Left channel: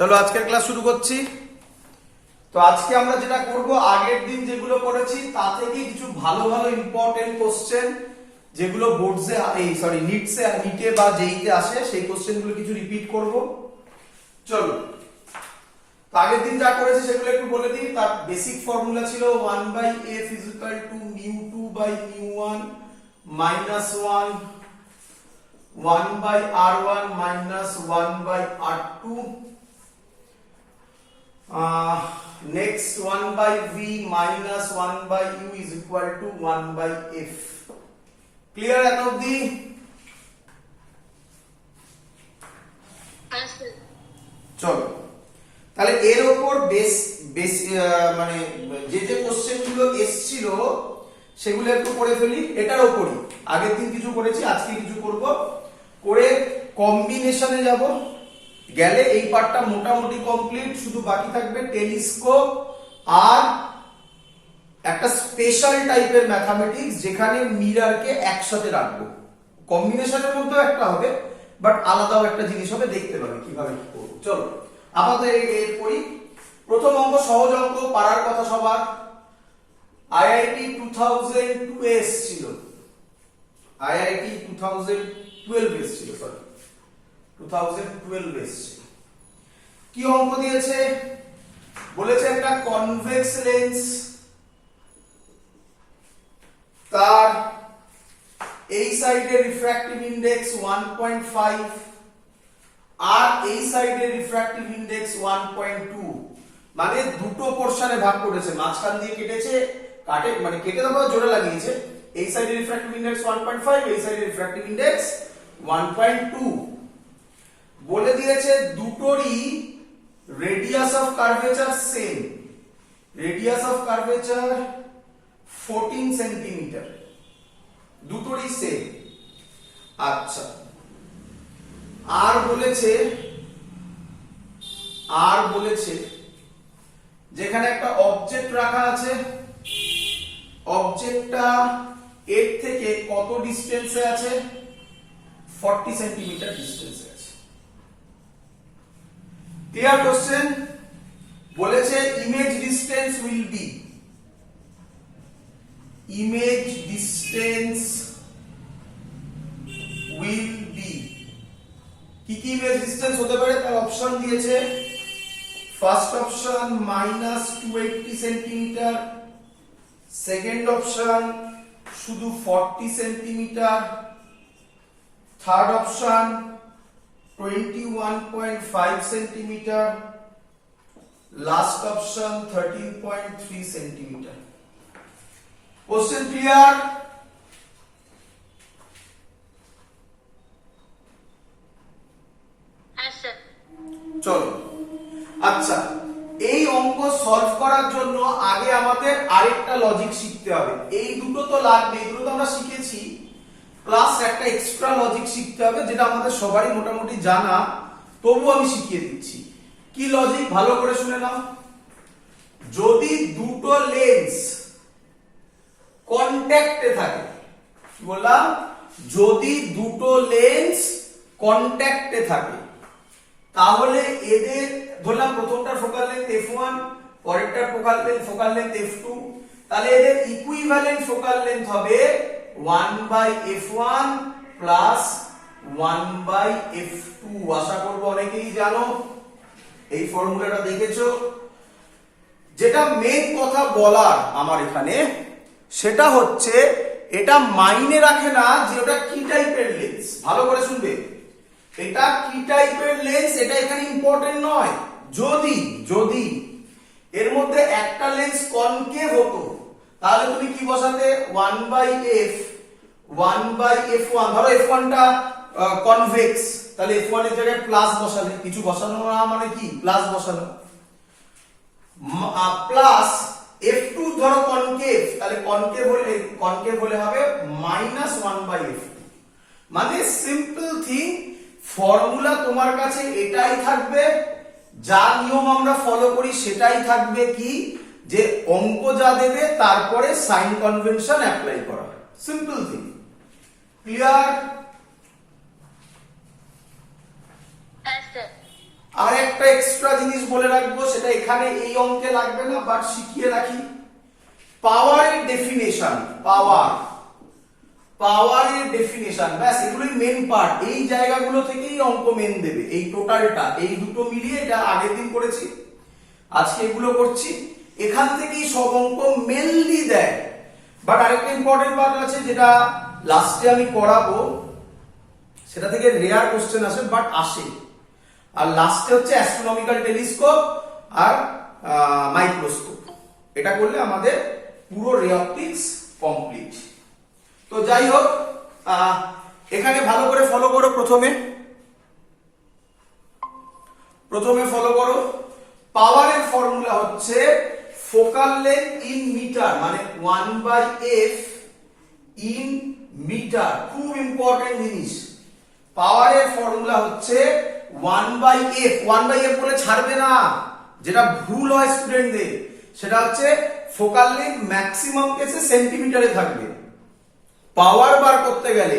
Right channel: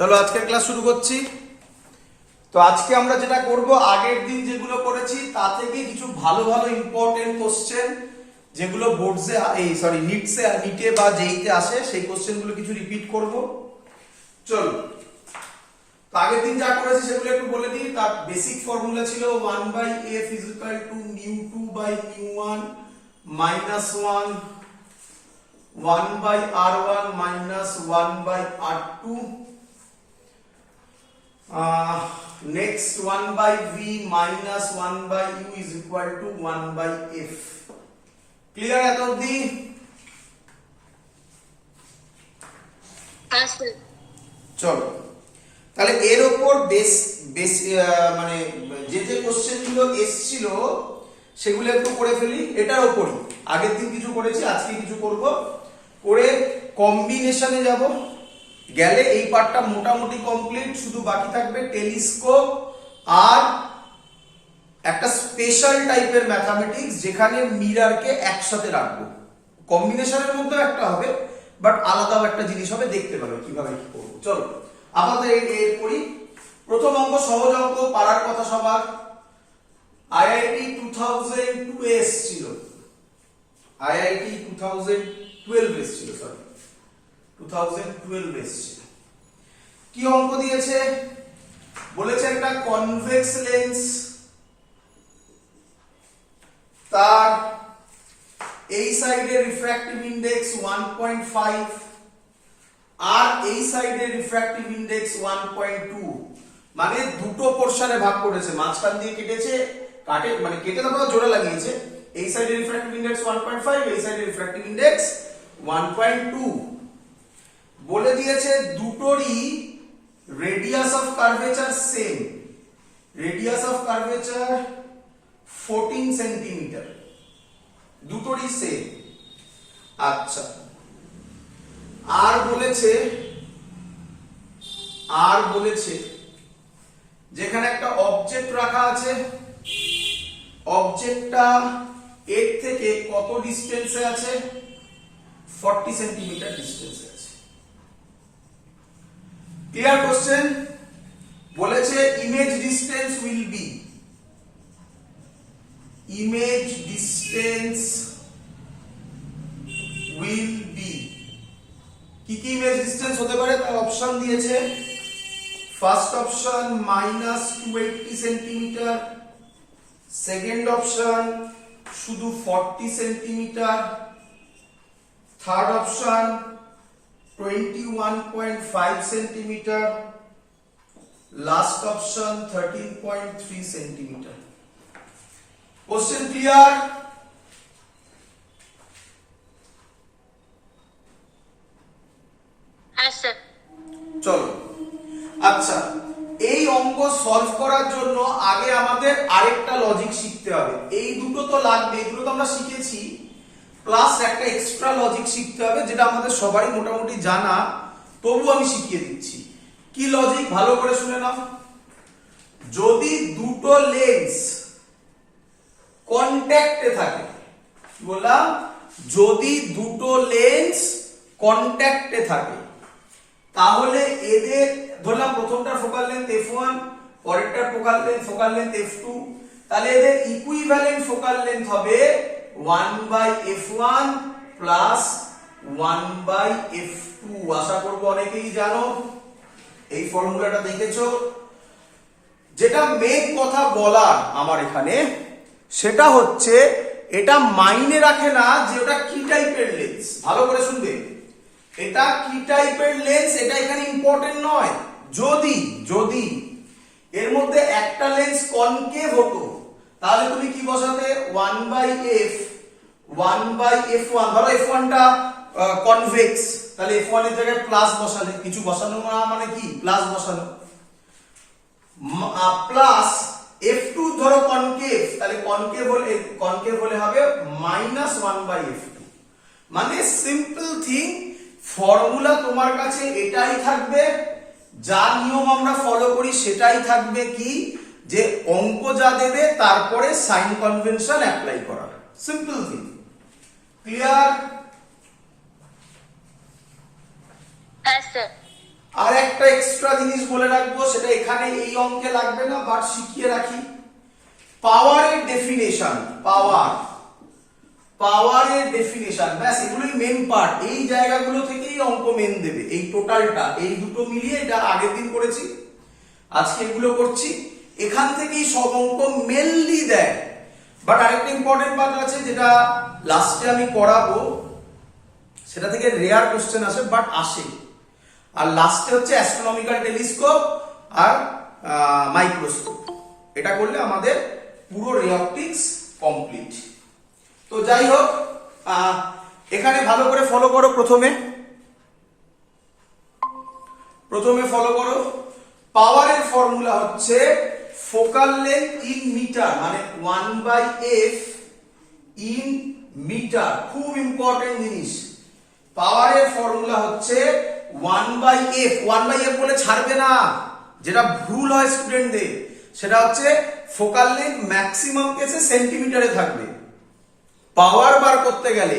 চলো আজকের ক্লাস শুরু করছি। তো আজকে আমরা যেটা করব, আগের দিন যেগুলো করেছি তা থেকে কিছু ভালো ভালো ইম্পর্টেন্ট কোশ্চেন যেগুলো বোর্ডসে নিটে বা জেইতে আসে, সেই কোশ্চেনগুলো কিছু রিপিট করব। চলো, তো আগের দিন যা করেছি সেগুলো একটু বলে দিই। তার বেসিক ফর্মুলা ছিল 1/f = μ2/μ1 -1 1/r1 -1/r2 next 1/v minus 1/u is equal to 1/f. Clear at of the? চলো তাহলে এর উপর মানে যে কোশ্চেন গুলো এসেছিল সেগুলো একটু করে ফেলি। এটার উপরই আগের দিন কিছু করেছি, আজকে কিছু করব, করে কম্বিনেশনে যাব। গেলে এই পার্টটা মোটামুটি কমপ্লিট, শুধু বাকি থাকবে টেলিস্কোপ আর একটা স্পেশাল টাইপের ম্যাথমেটিক্স যেখানে মিররকে একসাথে রাখবো। কম্বিনেশনের মধ্যেও একটা হবে, বাট আলাদাও একটা জিনিস হবে, দেখতে পাবে কিভাবে কি করবো। চলো আমাদের এর করি। প্রথম অঙ্ক সহজ অঙ্ক, পারার কথা সবার। আইআইটি 2002 এসেছিল, আইআইটি 2012 এসেছিল, সরি 2012 এসেছিল। কি অঙ্ক দিয়েছে? বলেছে একটা কনভেক্স লেন্স, তার এই সাইডের রিফ্র্যাক্টিভ ইনডেক্স 1.5 আর এই সাইডের রিফ্র্যাক্টিভ ইনডেক্স 1.2, মানে দুটো পোরশনে ভাগ করেছে, মাঝখান দিয়ে কেটেছে, মানে কেটে তো জোরে লাগিয়েছে। এই সাইডের রিফ্র্যাক্টিভ ইনডেক্স 1.5, এই সাইডের রিফ্র্যাক্টিভ ইনডেক্স 1.2। বলে দিয়েছে দুটোরই radius of curvature same, radius of curvature 14 centimetre, দুটোরই সেম। আচ্ছা, আর বলেছে যেখানে একটা অবজেক্ট রাখা আছে, অবজেক্টটা এর থেকে কত ডিসটেন্সে আছে? 40 সেন্টিমিটার ডিসটেন্সে আছে। Clear question? বলেছে image distance will be, image distance will be, কি কি ইমেজ ডিসটেন্স হতে পারে তার অপশন দিয়েছে। First option -280 centimetre, second option শুধু 40 centimetre, third option 21.5 centimetre, last option 13.3 centimetre. Question clear? চলো, আচ্ছা, এই অঙ্ক সলভ করার জন্য আগে আমাদের আরেকটা লজিক শিখতে হবে। এই দুটো তো লাগবে, এগুলো তো আমরা শিখেছি, প্লাস একটা এক্সট্রা লজিক শিখতে হবে যেটা আমাদের সবারই মোটামুটি জানা, তবু আমি শিখিয়ে দিচ্ছি। কি লজিক? ভালো করে শুনে নাও। যদি দুটো লেন্স কন্ট্যাক্টে থাকে, কি বললাম? যদি দুটো লেন্স কন্ট্যাক্টে থাকে, তাহলে এদের ধরলাম প্রথমটার ফোকাল লেন্থ f1, পরেরটার ফোকাল লেন্থ f2, তাহলে এদের ইকুইভ্যালেন্ট ফোকাল লেন্থ হবে 1/f1 প্লাস 1/f2। আশা করবো অনেকেই জানো, এই ফর্মুলাটা দেখেছো। যেটা মেইন কথা বলার আমার এখানে, সেটা হচ্ছে এটা মাইনে রাখে না যে ওটা কি টাইপের লেন্স। ভালো করে শুনবে, এটা কি টাইপের লেন্স এটা এখানে ইম্পর্টেন্ট নয়। যদি এর মধ্যে একটা লেন্স কনকেভ হতো, তাহলে তুমি কি বসাতে? 1/f 1/f1। ধরো f1 টা কনভেক্স, তাহলে f1 এর জায়গায় প্লাস বসালে, কিছু বসানো না মানে কি প্লাস বসানো, প্লাস f2 ধরো কনকেভ, তাহলে কনকেভ হলে হবে -1/f2। মানে সিম্পল থিং, ফর্মুলা তোমার কাছে এটাই থাকবে, যা নিয়ম আমরা ফলো করি সেটাই থাকবে, কি যে অঙ্ক যা দেবে তারপরে সাইন কনভেনশন অ্যাপ্লাই করা। Simple thing. ক্লিয়ার? আর একটা এক্সট্রা জিনিস বলে রাখবো, সেটা এখানে এই অঙ্কে লাগবে না, বাট শিখিয়ে রাখি। পাওয়ারের ডেফিনেশন, পাওয়ারের ডেফিনেশন, ব্যাস এগুলোই মেন পার্ট। এই জায়গাগুলো থেকেই অঙ্ক মেন দেবে, এই টোটালটা, এই দুটো মিলিয়ে, এটা আগের দিন করেছি, আজকে এগুলো করছি, এখান থেকেই সব অঙ্ক মেনলি দেয়। বাট আরেকটা ইম্পর্টেন্ট পার্ট আছে যেটা লাস্টে আমি করাবো, সেটা থেকে রেয়ার কোশ্চেন আসে, বাট আসে। আর লাস্টে হচ্ছে অ্যাস্ট্রোনমিক্যাল টেলিস্কোপ আর মাইক্রোস্কোপ। এটা করলে আমাদের পুরো রে অপটিক্স কমপ্লিট। তো যাই হোক, এখানে ভালো করে ফলো করো। প্রথমে ফলো করো, পাওয়ারের ফর্মুলা হচ্ছে ফোকাল লেন্থ ইন মিটার, মানে 1/f ইন মিটার। খুব ইম্পর্টেন্ট জিনিস। পাওয়ারের ফর্মুলা হচ্ছে 1/f। 1/f বলে ছাড়বে না, যেটা ভুল হয় স্টুডেন্টদের, সেটা হচ্ছে ফোকাল লেন্থ ম্যাক্সিমাম কেসে সেন্টিমিটারে থাকবে। পাওয়ার বার করতে গেলে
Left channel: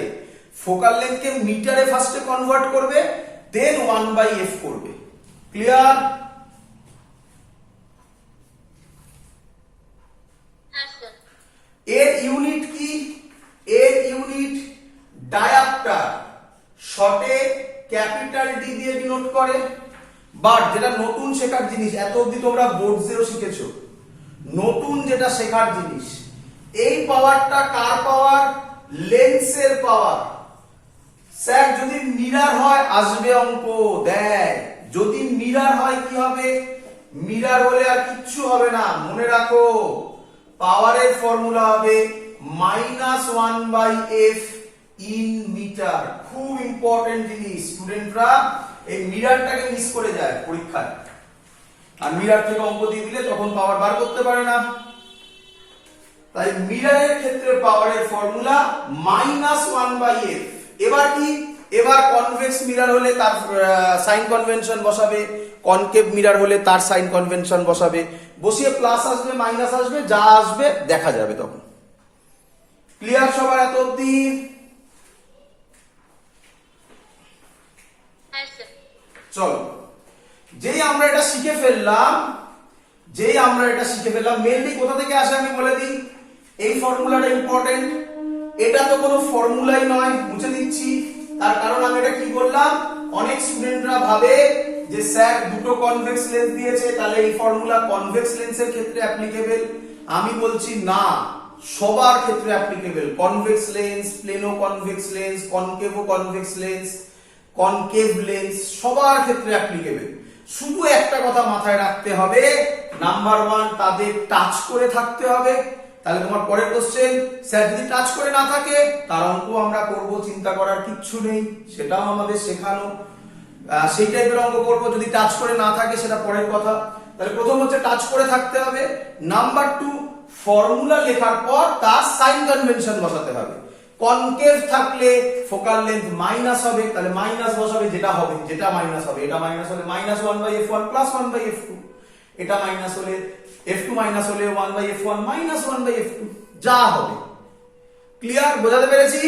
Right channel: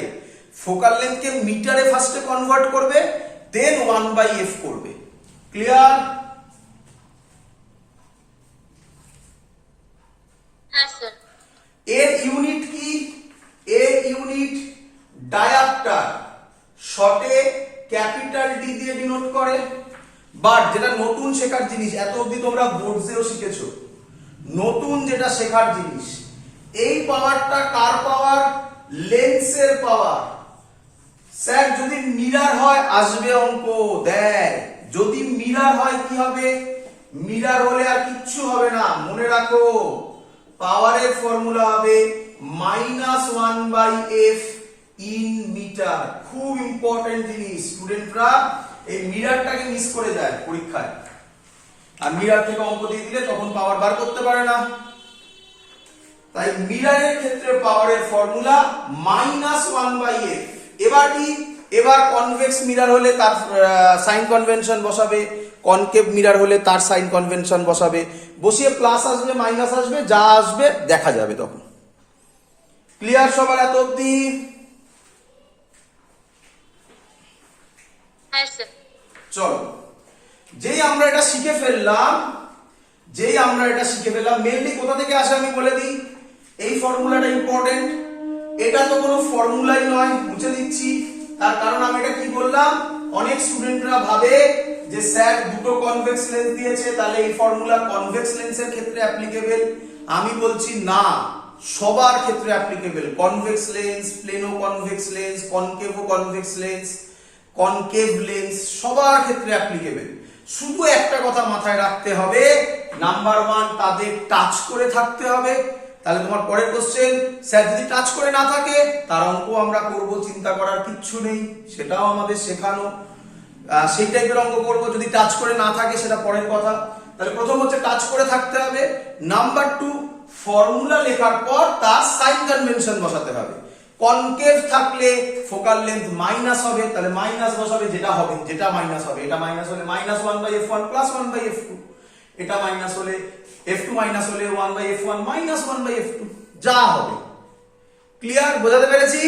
ফোকাল লেন্থকে মিটারে ফার্স্টে কনভার্ট করবে, দেন 1/f করবে। ক্লিয়ার? এর ইউনিট কি? এর ইউনিট ডায়াপ্টার, শর্টে ক্যাপিটাল ডি দিয়ে ডিনোট করে। বাট যেটা নতুন শেখার জিনিস, এত অবধি তোমরা বোর্ডসেও শিখেছো, নতুন যেটা শেখার জিনিস, এই পাওয়ারটা কার পাওয়ার? লেন্সের পাওয়ার। স্যার যদি মিরার হয় আসবে অঙ্ক, দেখ যদি মিরার হয় কি হবে? মিরার হলে আর কিচ্ছু হবে না, মনে রাখো পাওয়ারের ফর্মুলা হবে -1/f ইন মিটার। খুব ইম্পর্টেন্ট জিনিস, স্টুডেন্টরা এই মিরারটাকে মিস করে যায় পরীক্ষায়, আর মিরার থেকে অঙ্ক দিয়ে দিলে তখন পাওয়ার বার করতে পারে না। তাই মিরারের ক্ষেত্রে পাওয়ারের ফর্মুলা -1/f। এবার কি? এবার কনভেক্স মিরার হলে তার সাইন কনভেনশন বসাবে, কনকেভ মিরার হলে তার সাইন কনভেনশন বসাবে, বসিয়ে প্লাস আসবে মাইনাস আসবে, যা আসবে দেখা যাবে তখন। ক্লিয়ার সবার এত অবধি? চলো, যেই আমরা এটা শিখে ফেললাম, মেনলি কোথা থেকে আসে আমি বলে দিই। এই ফর্মুলাটা ইম্পর্টেন্ট, এটা তো কোনো ফর্মুলাই নয়, মুছে দিচ্ছি। তার কারণ আমি এটা কি বললাম, অনেক স্টুডেন্টরা ভাবে যে স্যার দুটো কনভেক্স লেন্স দিয়েছে, তাহলে এই ফর্মুলা কনভেক্স লেন্সের ক্ষেত্রে অ্যাপ্লিকেবল। আমি বলছি না, সবার ক্ষেত্রে applicable. Convex lens, plano convex lens, concave convex lens, concave lens, সবার ক্ষেত্রে অ্যাপ্লিকেবল। শুধু একটা কথা মাথায় রাখতে হবে, নাম্বার 1 তাদের টাচ করে থাকতে হবে। তাহলে তোমার পরের কোশ্চেন, স্যার যদি টাচ করে না থাকে তার অঙ্ক আমরা করব, চিন্তা করার কিচ্ছু নেই, সেটাও আমাদের শেখানো। সেই টাইপের অঙ্ক করব, যদি টাচ করে না থাকে সেটা পরের কথা। তাহলে প্রথম হচ্ছে টাচ করে থাকতে হবে। নাম্বার 2, ফর্মুলা লেখার পর তার সাইন কনভেনশন বসাতে হবে। কনকেভ থাকলে ফোকাল লেন্থ মাইনাস হবে, তাহলে মাইনাস বসাবে, যেটা মাইনাস হবে। এটা মাইনাস হলে -1/f1 +1/f2, এটা মাইনাস হলে f2 মাইনাস হলে 1/f1 -1/f2, যা হবে। ক্লিয়ার? বোঝাতে পেরেছি?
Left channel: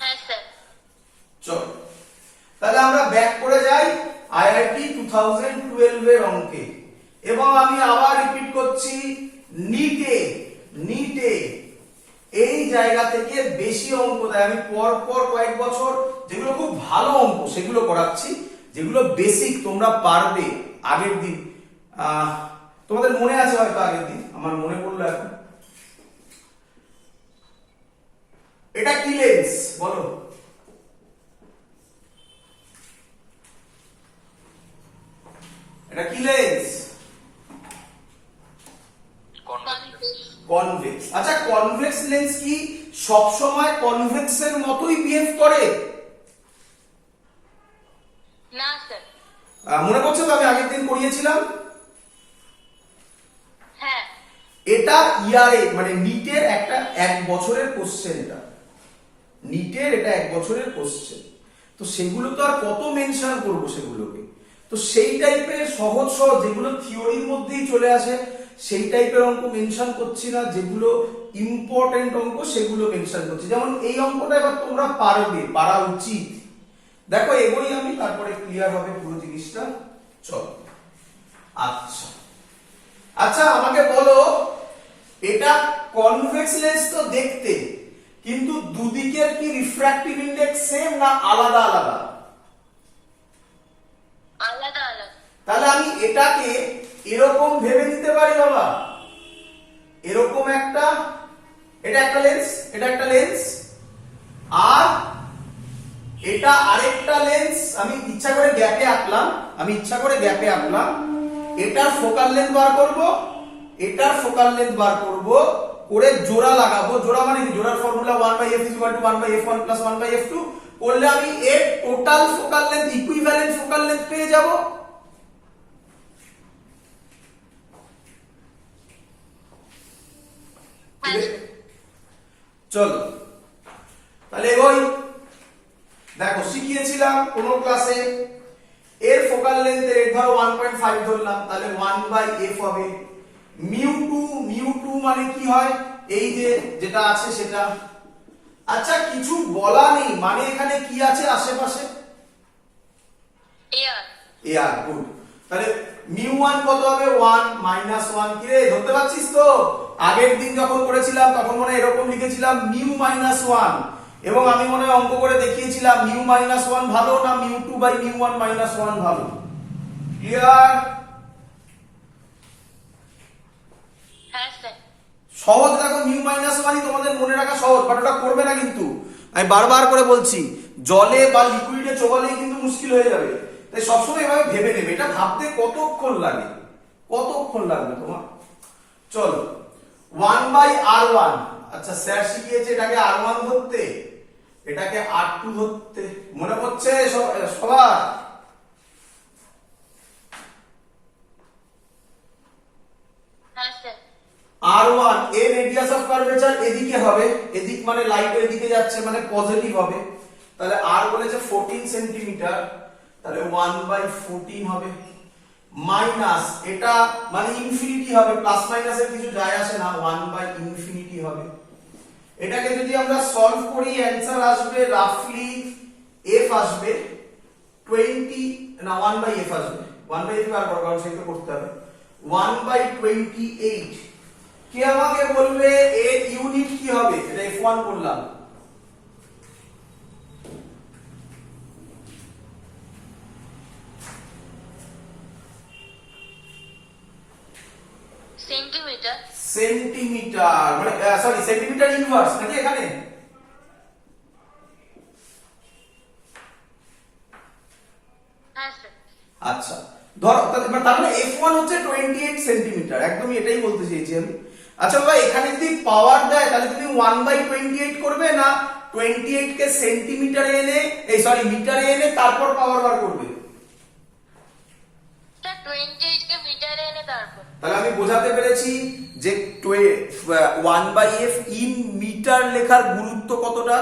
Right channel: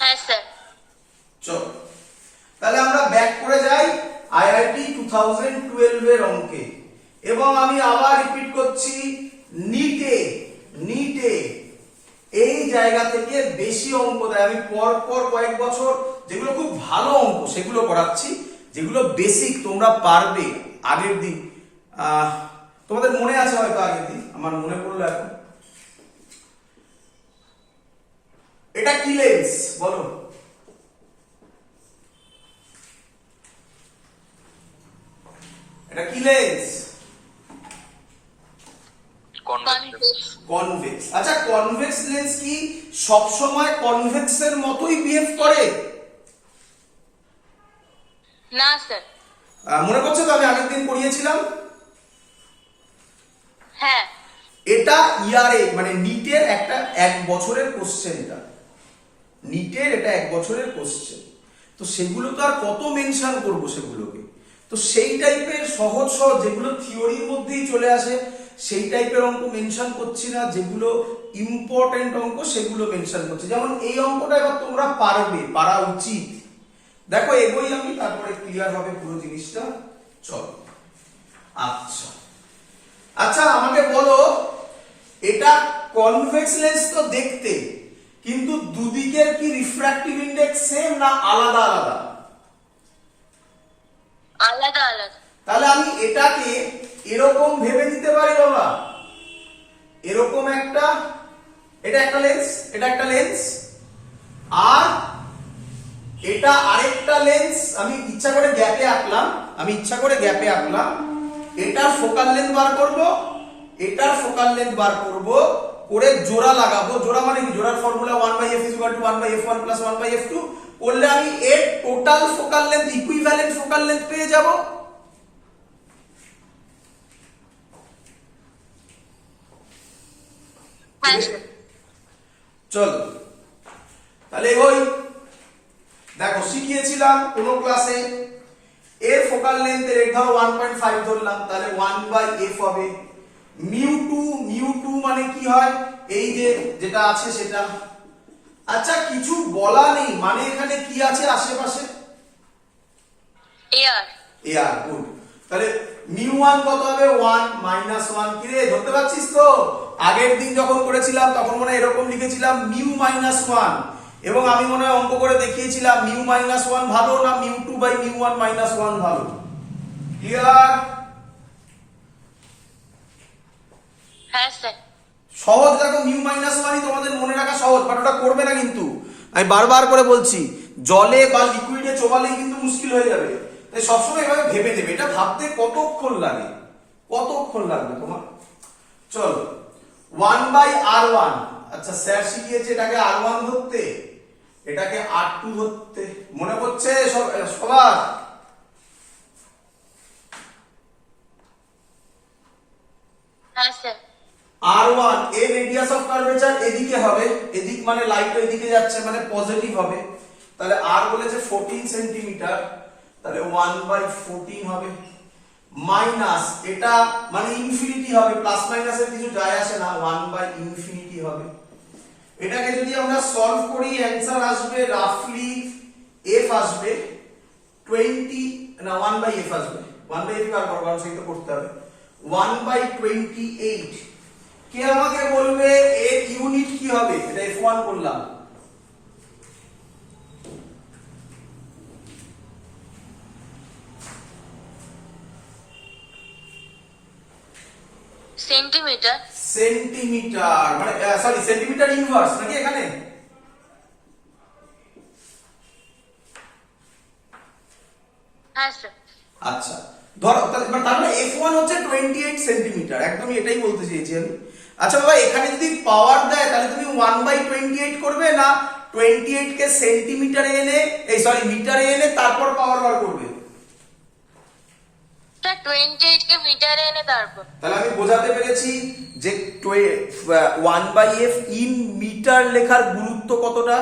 হ্যাঁ স্যার। চলো তাহলে আমরা ব্যাক করে যাই আইআইটি 2012 এর অঙ্কে, এবং আমি আবার রিপিট করছি, নিটে এই জায়গা থেকে বেশি অঙ্ক দেয়। আমি পর কয়েক বছর যেগুলো খুব ভালো অঙ্ক সেগুলো করাচ্ছি, যেগুলো বেসিক তোমরা পারবে। আগের দিন তোমাদের মনে আছে হয়তো, আগের দিন আমার মনে পড়লো এখন। এটা কি লেন্স বলো? এটা কি লেন্স? কনভেক্স। আচ্ছা, কনভেক্স লেন্স কি সব সময় কনভেক্স এর মতোই বিহেভ করে? না স্যার। মনে করছে তো আমি আগের দিন পড়িয়েছিলাম? হ্যাঁ। এটা ইয়ারে মানে নিটের একটা 1 বছরের কোশ্চেন, এটা নিটের, এটা 1 বছরের কোশ্চেন। তো সেগুলো তো আর কত মেনশন করব সেগুলোকে, তো সেই টাইপের সহজ যেগুলো থিওরির মধ্যেই চলে আসে সেই টাইপের অঙ্ক মেনশন করছি না, যেগুলো ইম্পর্টেন্ট অঙ্ক সেগুলো মেনশন করছে। যেমন এই অঙ্কটা এবার তোমরা পারবে, পারা উচিত। দেখো এগোই আমি, তারপরে ক্লিয়ার হবে পুরো জিনিসটা। চলো আচ্ছা আচ্ছা আমাকে বলো, এটা কনভেক্স লেন্স তো দেখতে, কিন্তু দুদিকের কি রিফ্র্যাক্টিভ ইনডেক্স সেম না আলাদা আলাদা? আলাদা আলাদা। তাহলে আমি এটাকে এরকম ভেবে নিতে পারি বাবা, এরকম একটা, এটা একটা লেন্স, এটা একটা লেন্স, আর এটা আরেকটা লেন্স। আমি ইচ্ছা করে গ্যাপে আঁকলাম, এটার ফোকাল লেন্থ বার করব, এটার ফোকাল লেন্থ বার করব, করে জোড়া লাগাবো। জোড়া মানে কি? জোড়ার ফর্মুলা 1/f = 1/f1 + 1/f2 করলে আমি এর total focal length, equivalent focal length পেয়ে যাব। চলো তাহলে এগোই। দেখো শিখিয়েছিলাম কোন ক্লাসে, এর ফোকাল লেন্থের এর ধরো 1.5 ধরলাম, তাহলে 1/f হবে। মিউ2 মানে কি হয়? এই যে যেটা আছে সেটা। আচ্ছা কিছু বলা নেই, মানে এখানে কি আছে আশেপাশে? এয়ার। গুড। তাহলে মিউ1 কত হবে? 1 - 1। কি রে ধরতে পারছিস তো? আগের দিন যখন করেছিলাম তখন মনে হয় এরকম লিখেছিলাম মিউ -1, এবং আমি মনে হয় অঙ্ক করে দেখিয়েছিলাম মিউ -1 ভালো না মিউ2/মিউ1 -1 ভালো। ক্লিয়ার? হ্যাঁ স্যার। সহজ। দেখো মিউ -1ই তোমাদের মনে রাখা সহজ, বাট ওটা করবে না কিন্তু। আমি বারবার করে বলছি, জলে বা লিকুইডে চোবালেই কিন্তু মুশকিল হয়ে যাবে। তাই সবসময় এভাবে ভেবে নেবে। এটা ভাবতে কতক্ষণ লাগে, কতক্ষণ লাগবে তোমার? চলো 1/r1। আচ্ছা স্যার শিখিয়েছে এটাকে r1 ধরতে, এটাকে r2 ধরতে। মনে পড়ছে সবার? হ্যাঁ স্যার। r1 এর রেডিয়াস অফ কার্ভেচার এদিকে হবে, এদিক মানে লাইট এদিকে যাচ্ছে মানে পজিটিভ হবে। তাহলে r বলেছে 14 সেন্টিমিটার, তাহলে 1/14 হবে। মাইনাস এটা মানে ইনফিনিটি হবে, প্লাস মাইনাসের কিছু যায় আসে না, 1/∞ হবে। এটাকে যদি আমরা সলভ করি অ্যানসার আসবে রাফলি f আসবে 20 না 1/f আসবে। 1/f আর কারণ সেটা করতে হবে 1/28। কে আমাকে বলবে এর ইউনিট কি হবে? এটা f1 করলাম। সেন্টিমিটার। সেন্টিমিটার মানে সরি সেন্টিমিটার ইনভার্স নাকি এখানে? হ্যাঁ স্যার। আচ্ছা ধরো তাহলে f1 হচ্ছে 28 সেন্টিমিটার, একদমই এটাই বলতে চেয়েছি আমি। আচ্ছা বাবা এখানে যদি পাওয়ার দেয় তাহলে তুমি 1/28 করবে না 28 কে সেন্টিমিটারে এনে এই সরি মিটারে এনে তারপর পাওয়ার বার করবে? স্যার 28 কে মিটারে এনে তারপর। তাহলে আমি বোঝাতে পেরেছি যে 1/f ইন মিটার লেখার গুরুত্ব কতটা।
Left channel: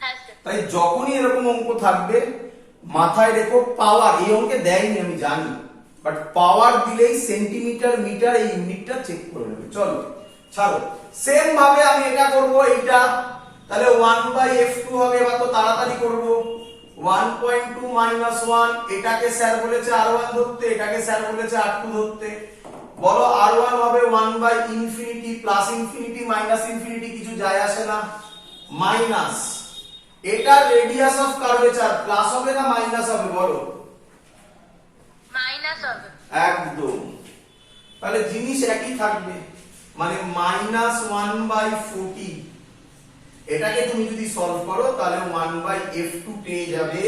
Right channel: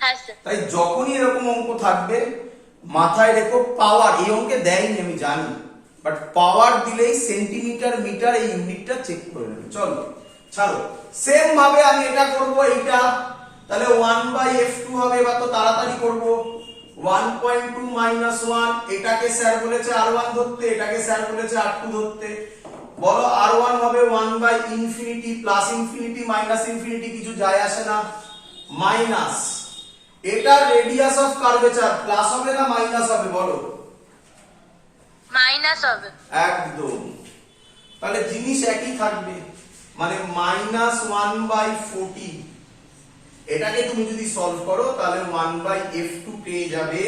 হ্যাঁ স্যার। তাই যখনই এরকম অঙ্ক থাকবে মাথায় রেখো পাওয়ার, এই অঙ্কে দেয়নি আমি জানি, বাট পাওয়ার দিলেই সেন্টিমিটার মিটার এই ইউনিটটা চেক করে নেবে। চলো ছাড়ো, সেম ভাবে আমি এটা করব এইটা, তাহলে 1/f2 হবে। এবার তো তাড়াতাড়ি করব। 1.2 - 1 এটাকে স্যার বলেছে r1 ধরতে, এটাকে স্যার বলেছে r2 ধরতে। বলো r1 হবে 1/∞, প্লাস ইনফিনিটি মাইনাস ইনফিনিটি কিছু যায় আসে না, মাইনাস এটা রেডিয়াস অফ কার্ভেচার প্লাস হবে না মাইনাস হবে? বলো। মাইনাস হবে। একদম। তাহলে জিনিস একই থাকবে, মানে -1/40। এটাকে তুমি যদি সলভ করো তাহলে 1/f2 পেয়ে যাবে,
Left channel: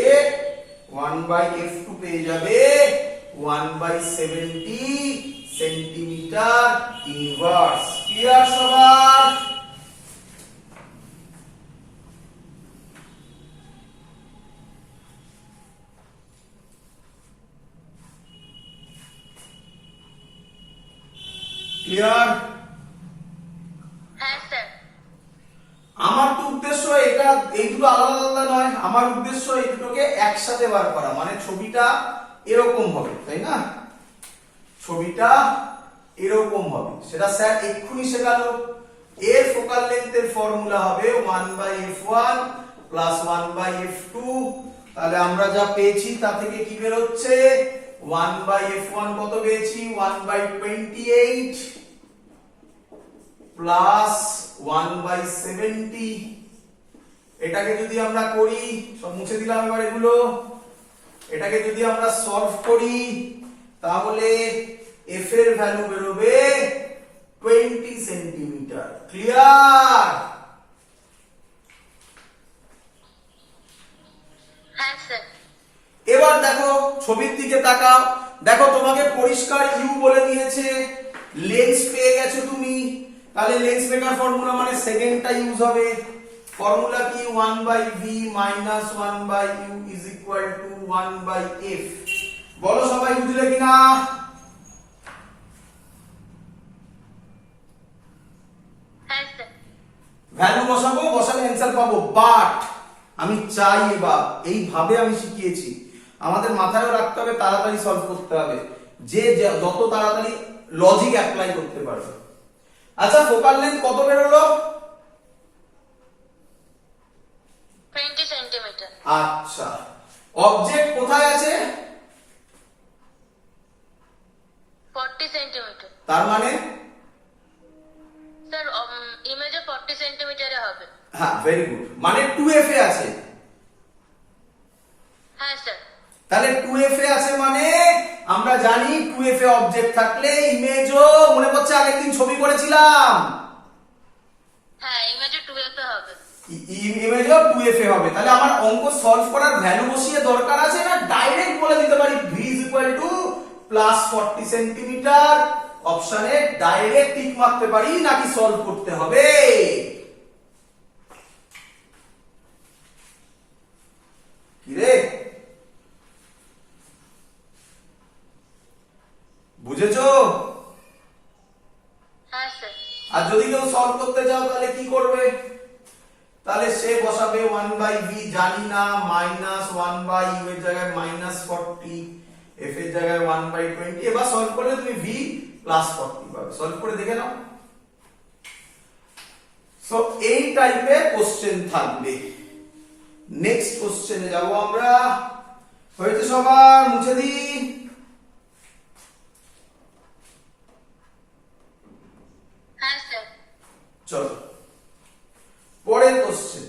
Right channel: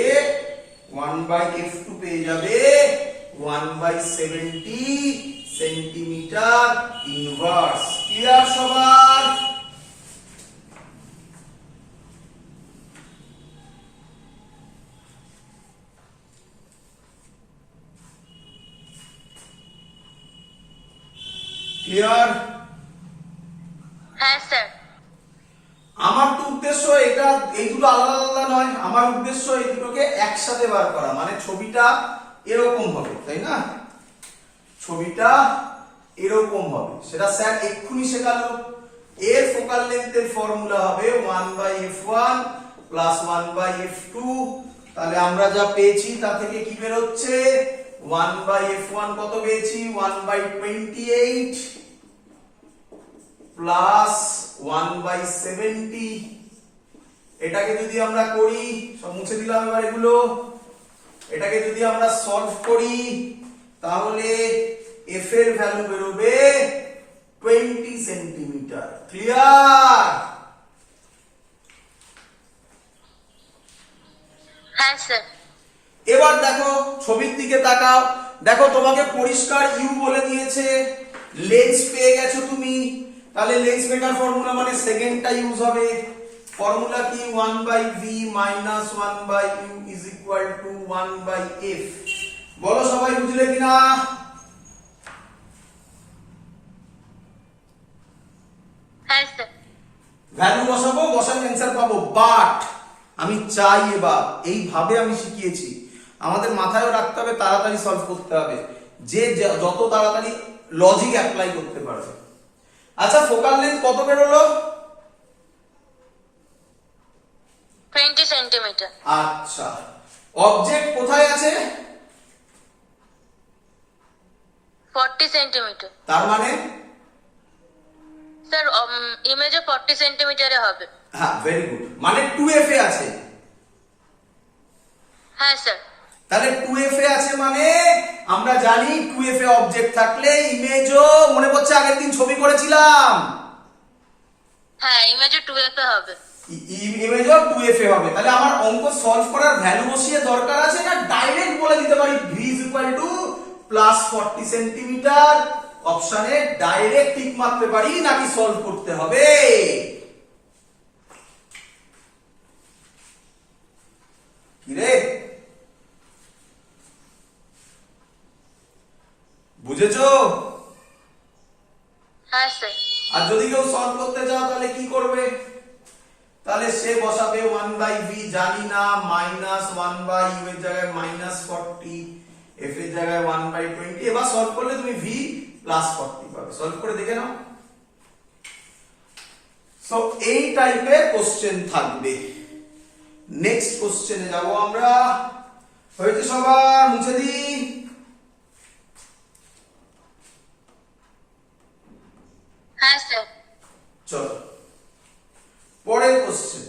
1/70 সেন্টিমিটার ইনভার্স। ক্লিয়ার সবার? ক্লিয়ার? হ্যাঁ স্যার। আমার তো উদ্দেশ্য এটা এইগুলো আলাদা আলাদা নয়, আমার উদ্দেশ্য এই দুটোকে একসাথে বার করা, মানে ছবিটা এরকম হবে, তাই না? ছবিটা এরকম হবে, সেটা স্যার এক্ষুনি শেখালো। এর ফোকাল লেন্থের ফর্মুলা হবে 1/f1 প্লাস 1/f2। তাহলে আমরা যা পেয়েছি তা থেকে কি বের হচ্ছে, 1/f1 কত পেয়েছি, 1/28 প্লাস 1/70। এটাকে যদি আমরা করি, সব মুছে দিলাম এবার এগুলো, এটাকে যদি আমরা সলভ করি তাহলে f এর ভ্যালু বেরোবে 20 সেন্টিমিটার। ক্লিয়ার? হ্যাঁ স্যার। এবার দেখো ছবির দিকে তাকাও, দেখো তোমাকে পরিষ্কার ইউ বলে দিয়েছে, লেন্স পেয়ে গেছো তুমি। তাহলে লেন্স মেকার ফর্মুলা মানে সেকেন্ডটা ইউজ হবে। ফর্মুলা কি, 1/v minus 1/u is equal to 1/f। বলো সবাই বুঝলে কিনা? হ্যাঁ স্যার। ভ্যালু বসাবো, বসালে অ্যান্সার পাবো। বাট আমি চাই এবার এইভাবে আমি শিখিয়েছি, আমাদের মাথায়ও রাখতে হবে, তাড়াতাড়ি সলভ করতে হবে, যে যত তাড়াতাড়ি লজিক অ্যাপ্লাই করতে পারবে। আচ্ছা ফোকাল লেন্থ কত বেরোলো? 20 সেন্টিমিটার। আচ্ছা অবজেক্ট কোথায় আছে? 40 সেন্টিমিটার। তার মানে স্যার ইমেজে 40 সেন্টিমিটারে হবে। হ্যাঁ ভেরি গুড, মানে 2f এ আছে। হ্যাঁ স্যার। তাহলে 2f এ আছে মানে আমরা জানি 2f এ অবজেক্ট থাকলে ইমেজও, মনে পড়ছে আগের দিন ছবি করেছিলাম, হ্যাঁ ইমেজে 2f এ হবে। ইমেজও 2f এ হবে। তাহলে আমার অঙ্ক সলভ করার ভ্যালু বসিয়ে দরকার আছে না, ডাইরেক্ট বলে দিতে পারি v is equal to plus 40 centimetre. অপশনে ডাইরেক্ট টিক মারতে পারি, নাকি সলভ করতে হবে? কি রে, বুঝেছো? হ্যাঁ স্যার। আর যদি কেউ সলভ করতে চাও তাহলে কি করবে, তাহলে সে বসাবে 1/v জানি না মাইনাস 1/u এর জায়গায় মাইনাস 40, f এর জায়গায় 1/20। এবার সলভ করলে তুমি v প্লাস 40 পাবে। সলভ করে দেখে নাও। সো এই টাইপের কোশ্চেন থাকবে। নেক্সট কোশ্চেনে যাব আমরা। হয়েছে সবার? মুছে দিই। হ্যাঁ স্যার। চলো পরের কোশ্চেন।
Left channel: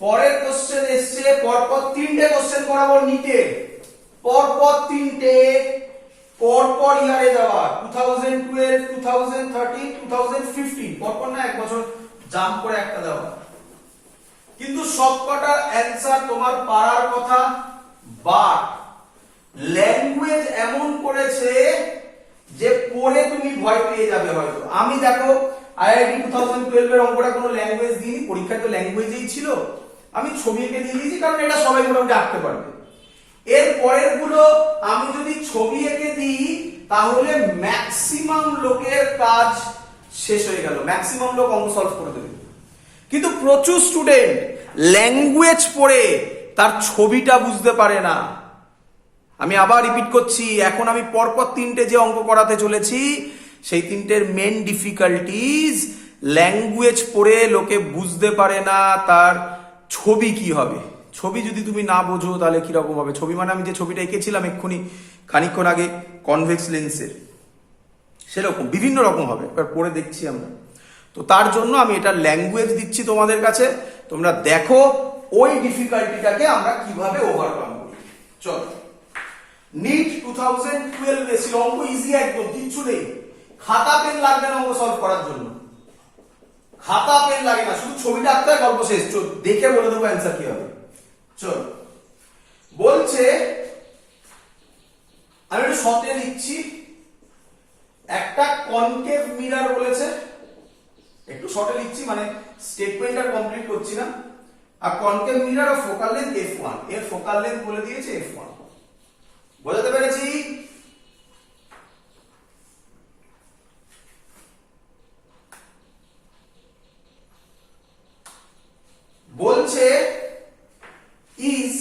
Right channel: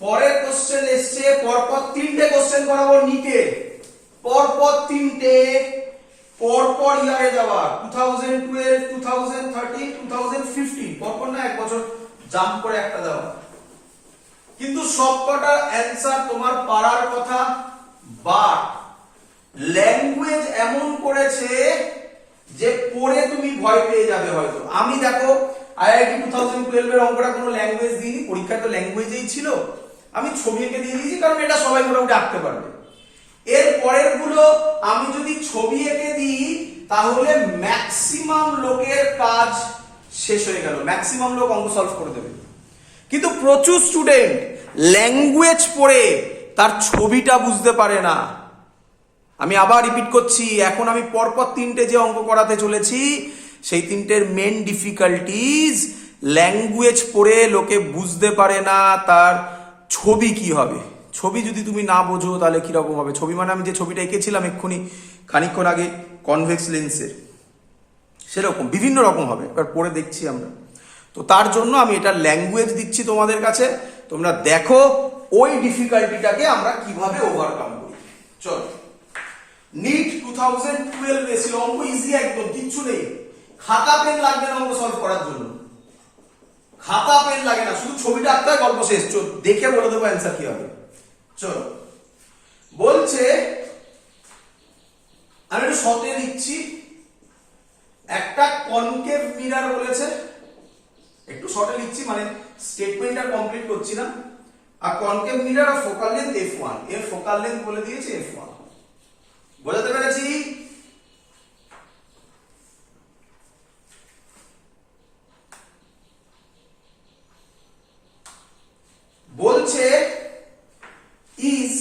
পরের কোশ্চেন এসছে, পরপর তিনটে কোশ্চেন করাবো নিটে, পরপর তিনটে, পরপর ইয়ারে যাওয়া, 2012, 2013, 2015, পরপর না, এক বছর জাম্প করে একটা দেওয়া। কিন্তু সবকটা অ্যান্সার তোমার পারার কথা, বাট ল্যাঙ্গুয়েজ এমন করেছে যে পড়ে তুমি ভয় পেয়ে যাবে হয়তো। আমি দেখো আইআইটি 2012 এর অঙ্কটা কোনো ল্যাঙ্গুয়েজ দিইনি, পরীক্ষা তো ল্যাঙ্গুয়েজেই ছিল, আমি ছবি এঁকে দিয়ে দিয়েছি, কারণ এটা সবাই মোটামুটি আঁকতে পারবে। এর পরের গুলো আমি যদি ছবি এঁকে দিই তাহলে ম্যাক্সিমাম লোকের কাজ শেষ হয়ে গেল, ম্যাক্সিমাম লোক অঙ্ক সলভ করে দেবে। কিন্তু প্রচুর স্টুডেন্ট ল্যাঙ্গুয়েজ পড়ে তার ছবিটা বুঝতে পারে না। আমি আবার রিপিট করছি, এখন আমি পরপর তিনটে যে অঙ্ক করাতে চলেছি সেই তিনটের মেন ডিফিকাল্টিজ, ল্যাঙ্গুয়েজ পড়ে লোকে বুঝতে পারে না তার ছবি কি হবে। ছবি যদি তুমি না বোঝো তাহলে কিরকম হবে। ছবি মানে আমি যে ছবিটা এঁকেছিলাম এক্ষুনি খানিকক্ষণ আগে কনভেক্স লেন্সের, সেরকম বিভিন্ন রকম হবে। এবার পড়ে দেখছি আমরা, তো তার জন্য আমি এটা ল্যাঙ্গুয়েজ দিচ্ছি তোমাদের কাছে, তোমরা দেখো ওই ডিফিকাল্টিটাকে আমরা কিভাবে ওভারকাম করি। চলো, নিট 2012 এসে অঙ্ক ইজি একদম, কিচ্ছু নেই, খাতা পেন লাগবে না অঙ্ক সলভ করার জন্য, খাতা পেন লাগে না, শুধু ছবিটা আঁকতে হয়, গল্প শেষ। দেখে বলে দেবো অ্যান্সার কি হবে। চলো, বলছে, আমি একটু শর্টে লিখছি, একটা কনকেভ মিরর বলেছে, একটু শর্টে লিখছি মানে স্টেটমেন্ট আর কমপ্লিট করছি না। আর কনকেভ মিরর আর ফোকাল লেন্থ f1, এর ফোকাল লেন্থ বলে দিয়েছে f1। বোঝাতে পেরেছি? বলছে is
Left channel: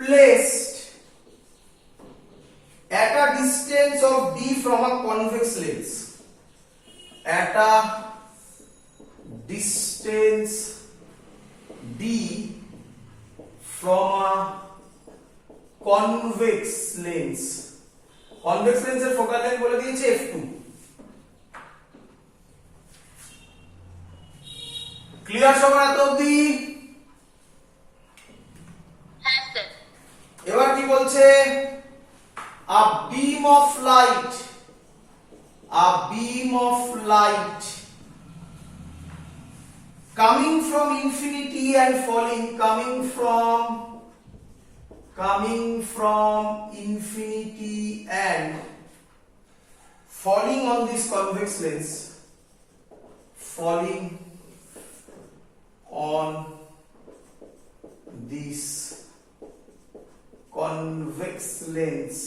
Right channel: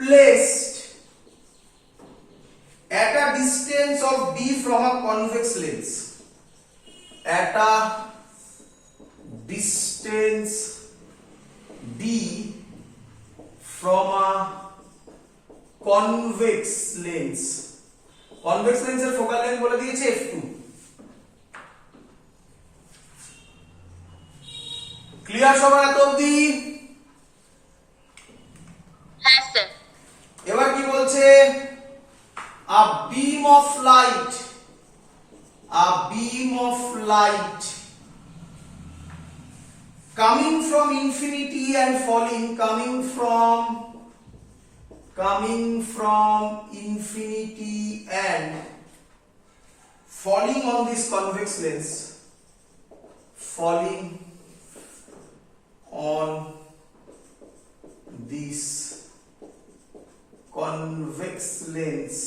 placed at a distance d from a convex lens. Convex lens এর ফোকাল লেন্থ বলে দিয়েছে f2. ক্লিয়ার সবার এত অবধি? হ্যাঁ স্যার। এবার কি বলছে? a beam of light coming from infinity and coming from infinity and falling on this convex lens, falling on this convex lens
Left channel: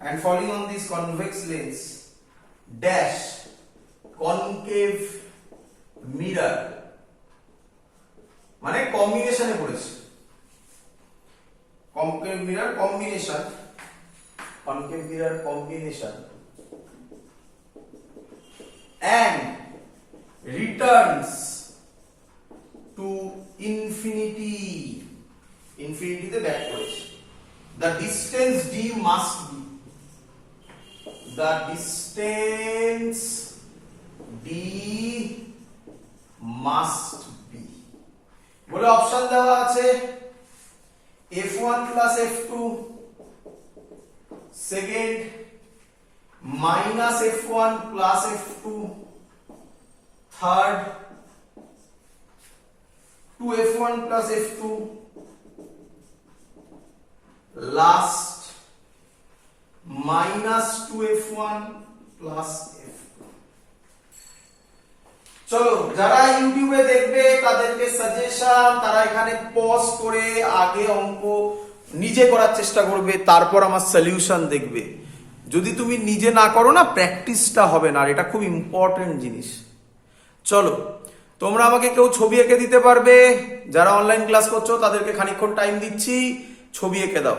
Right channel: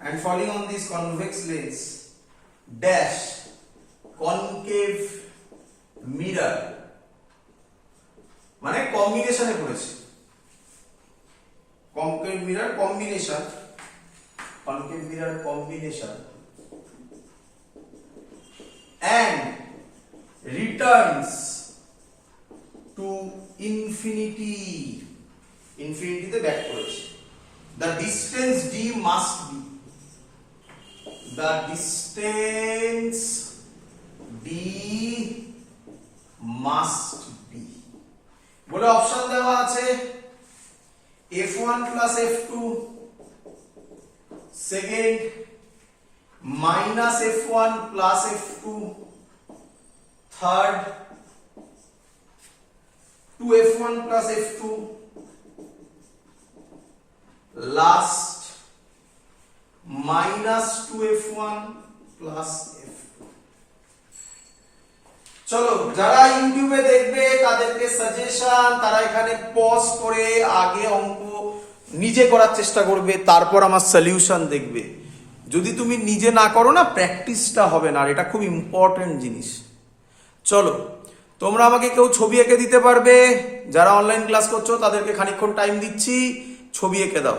and falling on this convex lens dash concave mirror মানে কম্বিনেশনে পড়েছে, concave mirror combination and returns to infinity তে back করেছে। the distance d must be বলে option দেওয়া আছে f1 plus f2 second minus f1 plus f2 third 2f1 plus f2 last minus 2f1 plus f2। চলো যারা ইউটিউবে দেখবে তাদেরকে সাজেশন, তারা এখানে পজ করে আগে অঙ্ক নিজে করার চেষ্টা করবে, তারপর আমার সলিউশন দেখবে। যদি তুমি নিজে না করো না, প্র্যাকটিসটা হবে না, আর এটা খুব ইম্পর্টেন্ট জিনিস। চলো তোমরা আমাকে কেউ ছবি এঁকে দিতে পারবে? যারা অনলাইন ক্লাস করছো তাদেরকে খানিকক্ষণ টাইম দিচ্ছি, ছবি এঁকে দাও।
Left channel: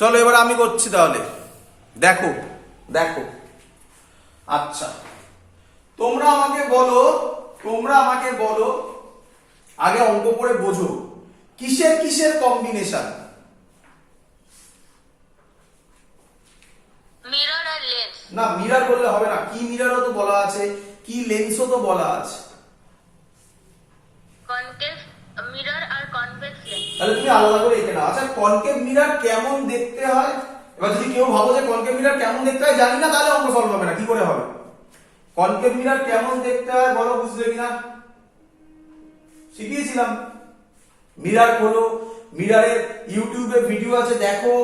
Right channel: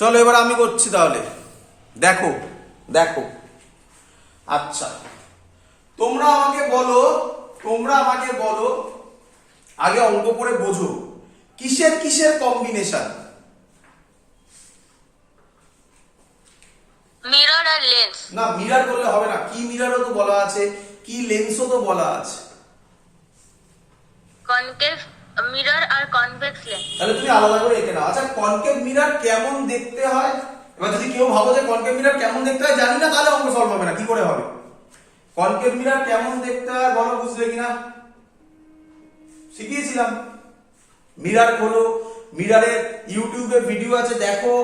চলো এবার আমি করছি তাহলে, দেখো। আচ্ছা তোমরা আমাকে বলো আগে অঙ্ক করে বোঝো কিসের কম্বিনেশন? মিরর আর লেন্স। না, মিরর করলে হবে না, কি মিররও তো বলা আছে, কি লেন্সও তো বলা আছে। কনকেভ মিরর আর কনভেক্স লেন্স। তাহলে তুমি আলাদা করে এঁকে নাও। আচ্ছা কনকেভ মিরর কেমন দেখতে হয়? এবার যদি কেউ ভাবো যে কনকেভ মিরর কেমন দেখতে হয় জানি না, তাহলে অঙ্ক সলভ হবে না। কি করে হবে? কনকেভ মিরর কেমন দেখতে হয় বলো, বুঝলে কিনা? শিখিয়েছিলাম। মিরর খোলো, মিররের ইউটিউবে ভিডিও আছে, দেখো।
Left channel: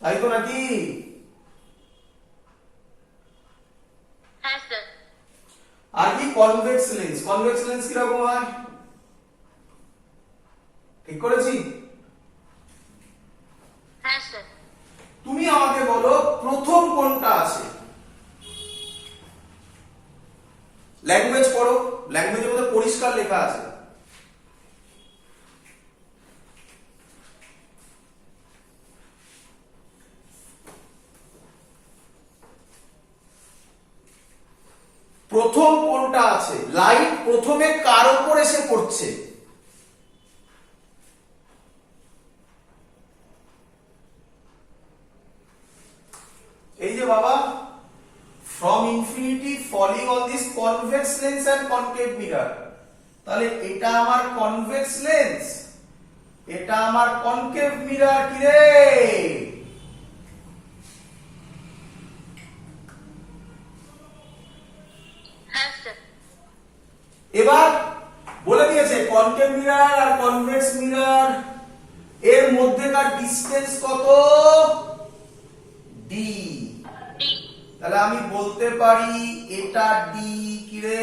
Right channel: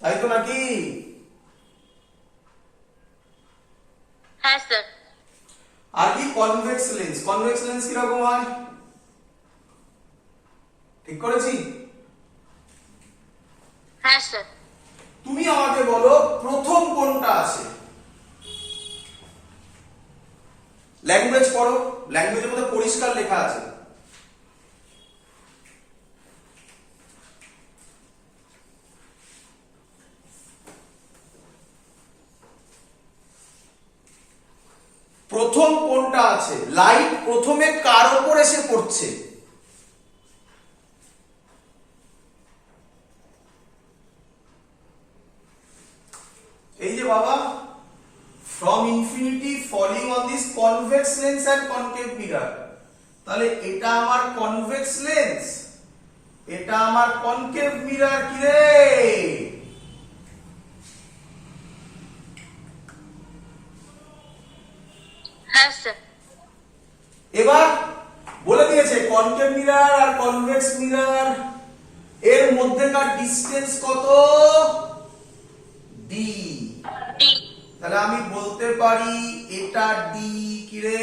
তাই তো নাকি? হ্যাঁ স্যার। আর কি কনভেক্স লেন্স কিরকম হয়? ঠিক করেছি? হ্যাঁ স্যার। তুমি আমাকে বলো প্রথম কোনটা আছে? ল্যাঙ্গুয়েজ পড়ো, ল্যাঙ্গুয়েজের মধ্যে পরিষ্কার লেখা আছে। প্রথম কোনটা আছে? লাইট প্রথমে কার উপর এসে পড়ছে? এই যে বাবা, from infinity falling on this convex lens and concave mirror। তাহলে এটা আমার কনভেক্স লেন্স, এটা আমার কনকেভ মিরর। কি রে? হ্যাঁ স্যার। এবার বলে দিয়েছে কনকেভ মিরর আর কনভেক্স মিরর এর মধ্যেকার ডিসটেন্স কত? ডি। তাহলে আমি বলতে পারি এটা ডি। কি রে?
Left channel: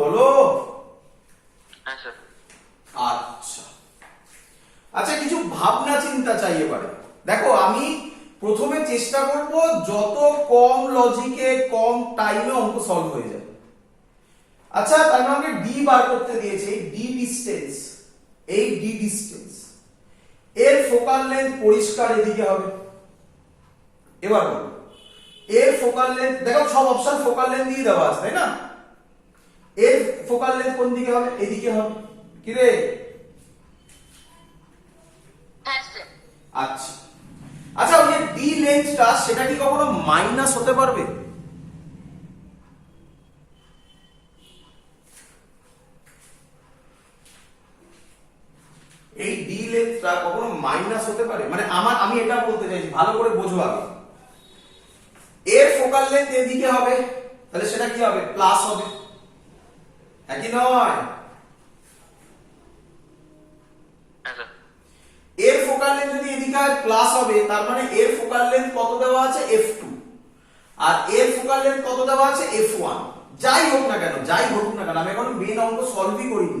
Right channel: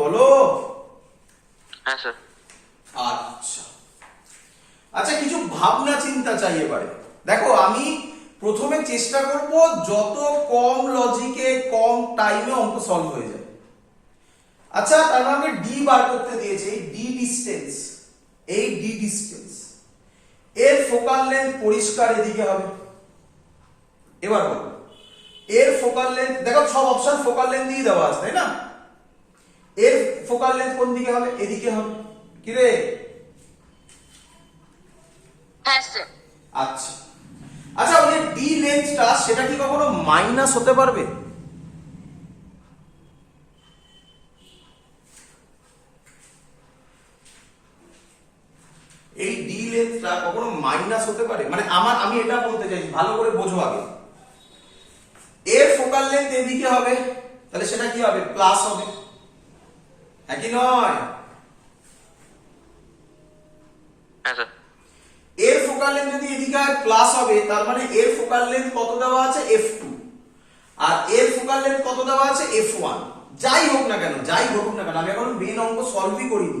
বলো। হ্যাঁ স্যার। আচ্ছা কিছু ভাবনা চিন্তা চাই এবারে। দেখো আমি প্রথমে চেষ্টা করব যত কম লজিকে কম টাইমে অঙ্ক সলভ হয়ে যায়। আচ্ছা তার মানে ডি বার করতে দিয়েছে, ডি ডিসটেন্স। এই ডি ডিস্টেন্স, এর ফোকাল লেন্থ পরিষ্কার এদিকে হবে। এবার বলো এর ফোকাল লেন্থ, দেখো সব অপশন ফোকাল লেন্থ দিয়ে দেওয়া আছে তাই না? এর ফোকাল লেন্থ কোন দিকে হবে? এদিকে হবে। কি রে? হ্যাঁ স্যার। আচ্ছা আচ্ছা, ওই ডি লেন্থটা সেটা কি কখনো মাইনাস হতে পারবে? এই ডি লেন্থটা কখনো মাইনাস হতে পারে? মানে আমি এটা বলতে চাইছি, ভালো করে বোঝো আগে। এর ফোকাল লেন্থ এদিকে হবে, তাহলে সেটা কি হবে? প্লাস হবে, হ্যাঁ কি নয়? হ্যাঁ স্যার। এর ফোকাল লেন্থ যদি এদিকে হয় প্লাস হবে, তার মানে এর ফোকাল লেন্থ কত দেওয়া আছে? f2, আর এর ফোকাল লেন্থ কত দেওয়া আছে? f1। যাই হোক না কেন, যাই হোক না কেন, আমি এখন মেন অঙ্ক সলভই করিনি,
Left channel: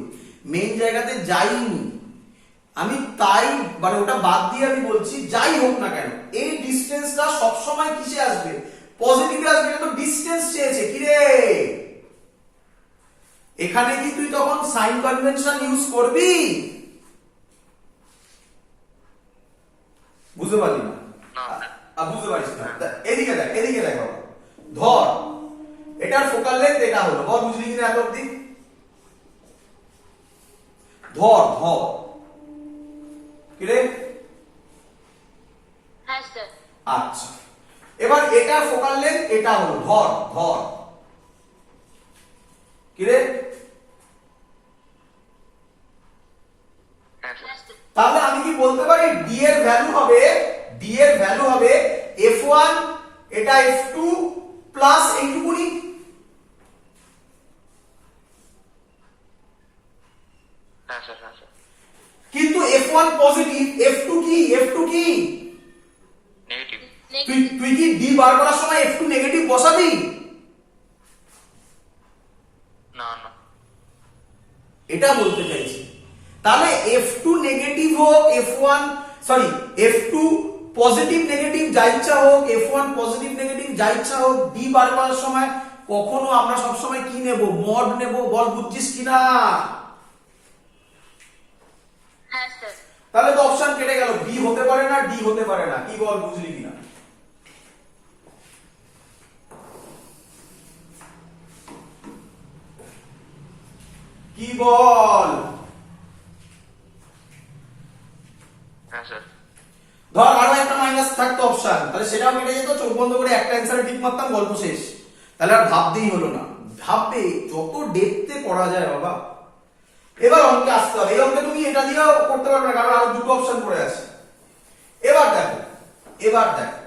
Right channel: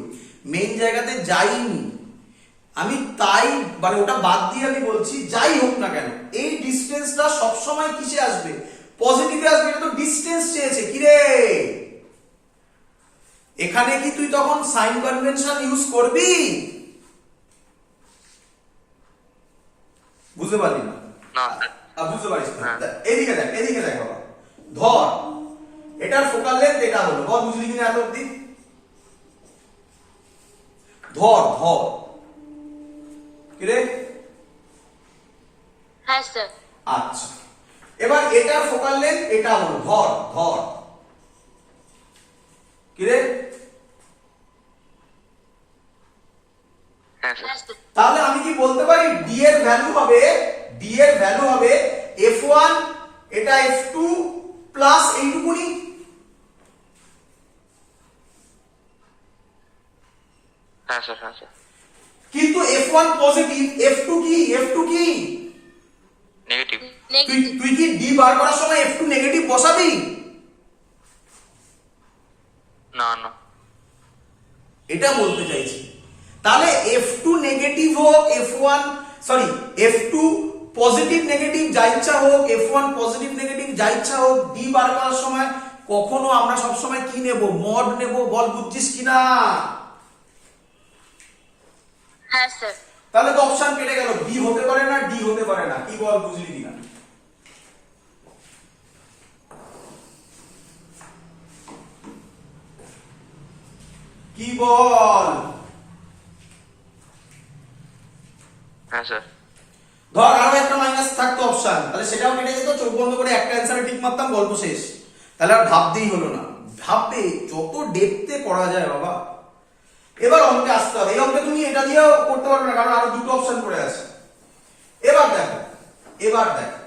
মেন জায়গাতে যাইনি আমি, তাই মানে ওটা বাদ দিয়ে আমি বলছি যাই হোক না কেন এই ডিসটেন্সটা সব সময় কিসে আসবে? পজিটিভে আসবে। এটা তো ডিসটেন্স চেয়েছে, কি রে? এখানে কি তুই তখন সাইন কনভেনশন ইউজ করবি? বুঝতে পারলি না? বুঝতে পারিস না? এদিকে দেখ, এদিকে দেখ বাবা, ধর এটার ফোকাল লেন্থ এটা হলো, বল বুঝলি কিনা এত অব্দি? ধর ধর, কি রে? হ্যাঁ স্যার। আচ্ছা, এবার এটার ফোকাল লেন্থ এটা হলো, ধর ধর, কি রে? হ্যাঁ স্যার। হ্যাঁ স্যার। তাহলে আমি কি বলতে পারি ডি এর ভ্যালু হবে, ডি এর ভ্যালু হবে f1, এটা f2 প্লাস এইটুকুনি? হ্যাঁ স্যার। হ্যাঁ স্যার। কিন্তু f1 পজিটিভ, f2 কি? f2 কি? নেগেটিভ। তুই নেগেটিভ। তুই কি ডি বার করার সময় f2 নেগেটিভ বসাবি? না না। এটা বলতে চাইছি। তাহলে f2 নেগেটিভ হোক, f1 sorry f2 positive negative যা ইচ্ছা হোক, f1 পজিটিভ নেগেটিভ যা ইচ্ছা হোক, ডি বার করার সময় কখনো আমরা সব সময় কি নেব? মড নেব। বল বুঝছিস কিনা? হ্যাঁ স্যার। তাহলে তো অপশন কেটে গেল, বি হতে পারে না, ডি হতে পারে না। কি বল, বুঝলি কিনা? কি বল? হ্যাঁ স্যার। ধর আরো একটা মাইনাস থাকতো অপশন, তাহলে সেটাও কেটে যেত, চোখ বন্ধ করে একটা অ্যান্সারে টিক মারতাম, গল্প শেষ। তাহলে আর ভাবতেই হলো না। ভাববে যত ডেপথে করা যায় বাবা। এবার অঙ্কে আসতে হবে। এই অঙ্কে তুমি এটা দিয়েও করতে পারবে না, কারণ আরো দুটো অপশন পড়ে আছে। এবার দেখো, এবার দেখো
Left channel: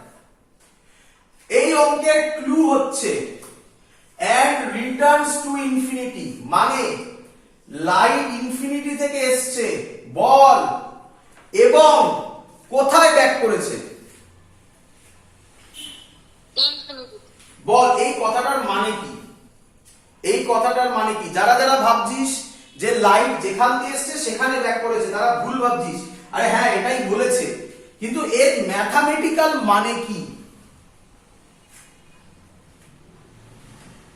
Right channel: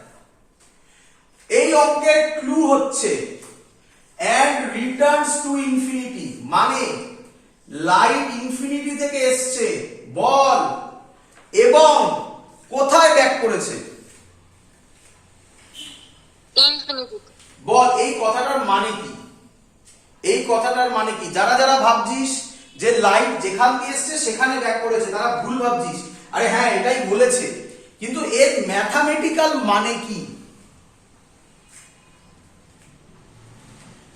এই অঙ্কের ক্লু হচ্ছে and returns to infinity, মানে লাইট ইনফিনিটি থেকে এসছে, বল, এবং কোথায় ব্যাক করেছে? ইনফিনিটি। বল এই কথাটার মানে কি? এই কথাটার মানে কি? যারা যারা ভাবছিস যে লাইট যেখান দিয়ে এসছে সেখানে ব্যাক করেছে, তারা ভুল ভাবছিস। আরে হ্যাঁ এটাই বলেছে, কিন্তু এর ম্যাথামেটিক্যাল মানে কি?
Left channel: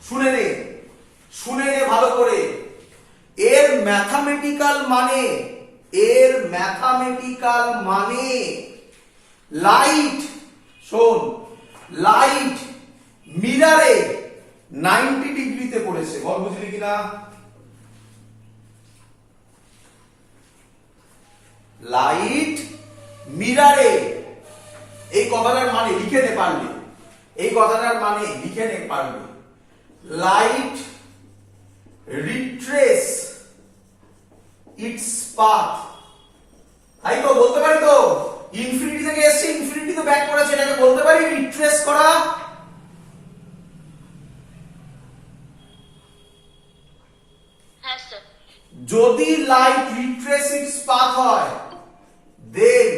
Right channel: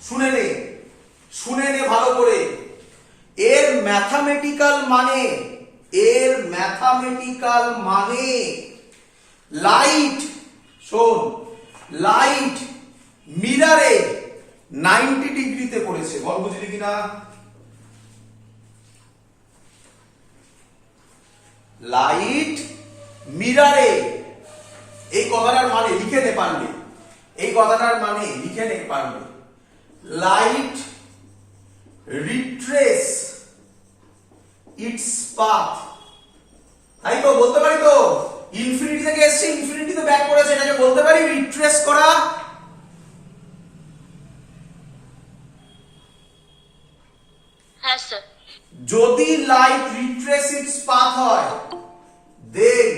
শুনে নে, শুনে নে ভালো করে। এর ম্যাথামেটিক্যাল মানে, এর ম্যাথামেটিক্যাল মানে লাইট, শোন, লাইট মিরারে 90 ডিগ্রিতে পড়েছে। বল বুঝলি কিনা? লাইট মিরারে, এই কথাটার মানে লিখে নে পারলে, এই কথাটার মানে লিখে নে পারলে। লাইট রিট্রেস ইটস পাথ, তাই তো বলতে পারি তো? ইনফিনিটি থেকে এসছে, ইনফিনিটি তো ব্যাক করেছে, এটাকে বলতে পারি রিট্রেস করা। হ্যাঁ স্যার। যদি লাইট রিট্রেস ইটস পাথ হয়, then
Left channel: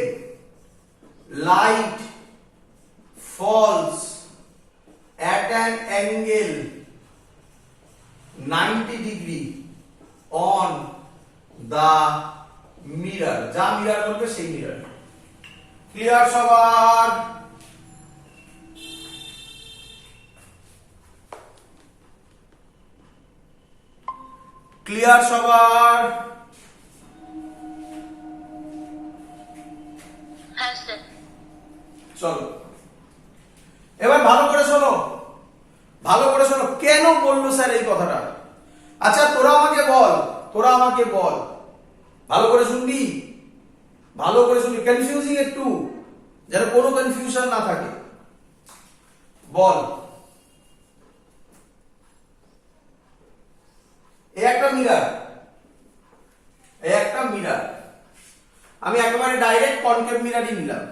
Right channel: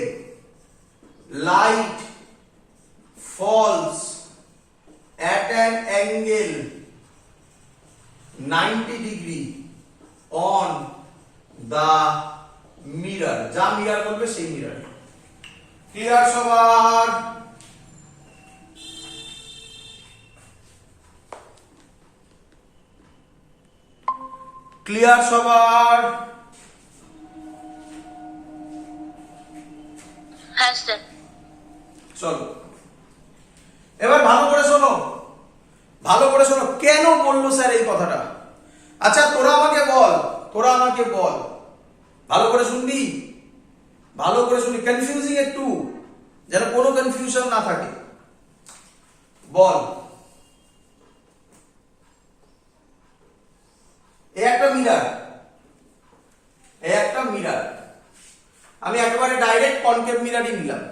light falls at an angle 90 degree on the mirror, যা মিরর বলবে সেই মিরর। ক্লিয়ার সবার? ক্লিয়ার সবার? হ্যাঁ স্যার। চলো এবার ভালো করে শোনো, ভালো করে শোনো কেন বললো স্যার এই কথাটা। আচ্ছা তোরা আমাকে বল, তোরা আমাকে বল, ভালো করে শুনবি, ভালো করে শুনবি, কনফিউজিং একটু, যেন কোনো কনফিউশন না থাকে। বল, এই একটা মিরার, এই একটা মিরার, আমি একেবারে ডাইরেক্ট কনকেভ মিরারই নিলাম।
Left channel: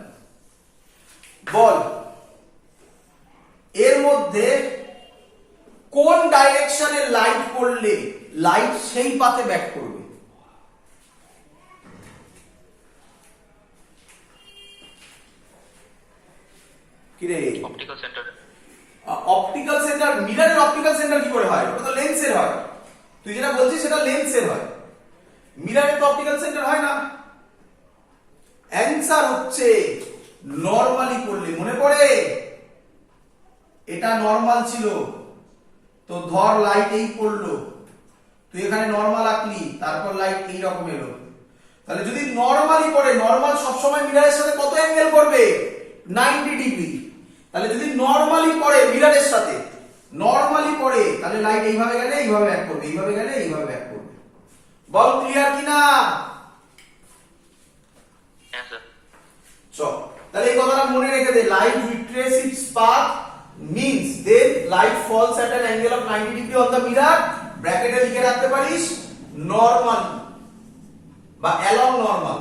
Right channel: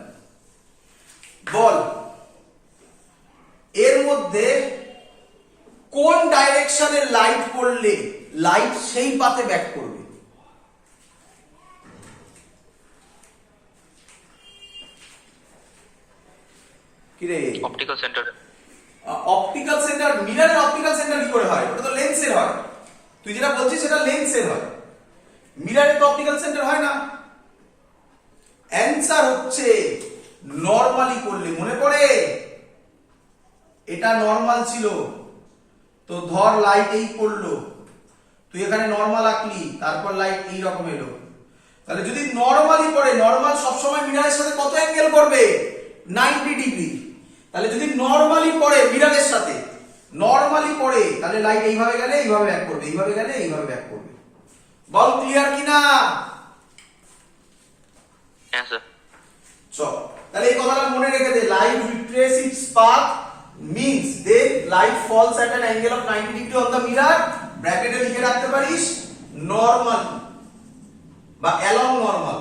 বল এর মধ্যে কোন ডাইরেকশনে লাইট পড়লে লাইট সেই পাতে ব্যাক করবে? কিরে অপটিক্যাল সেন্টার। অপটিক্যাল সেন্টার, মিররের অপটিক্যাল সেন্টার কি করে হয়? ওটা তো লেন্সের হয়। তুই যেটা বলছিস সেটা লেন্সের হয়, মিররের তো অপটিক্যাল সেন্টার হয় না। অ্যান্সার হচ্ছে নরমালি করলে। মনে পড়ে এটা নরমাল ছিল, তো ধর লাইট এই পড়লো, তুই এখানে নরমাল আঁকলি, তারপর লাইট এই রকম এলো। তাহলে যদি নরমালি পড়ে, নরমাল সবসময় মিররের সাথে কত অ্যাঙ্গেল করবে? 90 ডিগ্রি। তাহলে যদি নরমালি পড়ে মিররের সাথে, নরমালি পড়ে, তাহলে লাইট এইভাবে গেলে এইভাবে ব্যাক করবে, এইভাবে গেলে এইভাবে ব্যাক করবে। বল ক্লিয়ার কিনা? হ্যাঁ স্যার। চল তাহলে এই কথাটা মনে রেখে দে, light retrace its path means then light falls at an angle of 90 degree on the mirror, ব্র্যাকেটে লিখে রাখতে পারিস নরমাল বা along normal,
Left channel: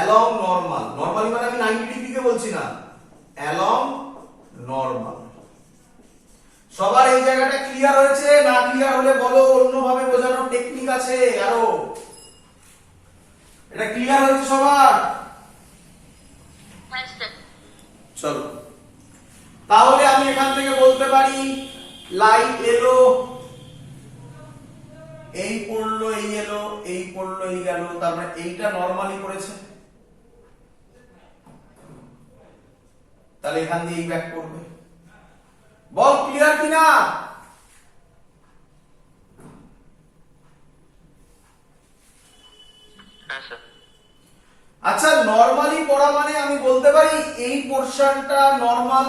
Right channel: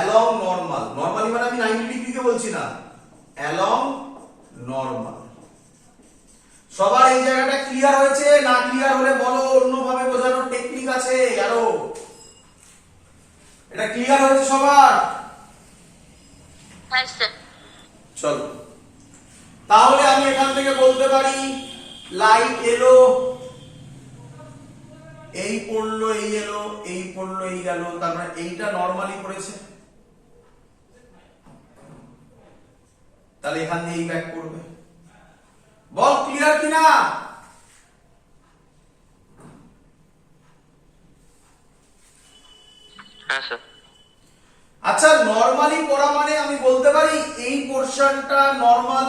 along normal, normally মানে আমি 90 ডিগ্রি কে বলছি না, along normal। সবার এই জায়গাটা ক্লিয়ার হয়েছে? না ক্লিয়ার হলে বলো, অন্যভাবে বোঝানোর টেকনিক আছে আরো। এটা ক্লিয়ার হয়েছে সবার? হ্যাঁ স্যার। চলো তাহলে আমি এখান থেকে বলতে পারি লাইট এলো, এই পড়লো, এই এলো, এই পড়লো, এই গেল, তার মানে এইটা নরমালি পড়েছে, তাহলে এখান দিয়ে এই ব্যাক করবে। বল ক্লিয়ার কিনা? হ্যাঁ স্যার। আচ্ছা নরমালি পড়া মানে আমি বলতে পারি এই পোরশনটা নরমাল,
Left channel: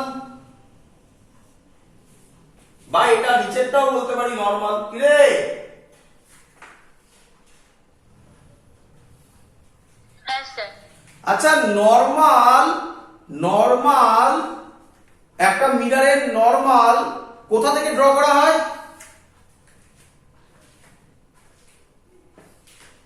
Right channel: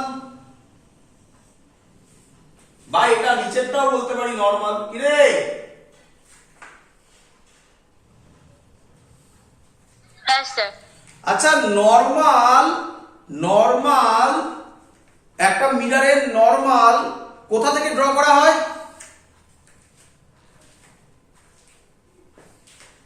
বা এটা নিচেরটাও বলতে পারি নরমাল। কি রে? হ্যাঁ স্যার। আচ্ছা নরমাল, নরমাল একটা মিররের নরমাল কোথা থেকে ড্র করা হয়?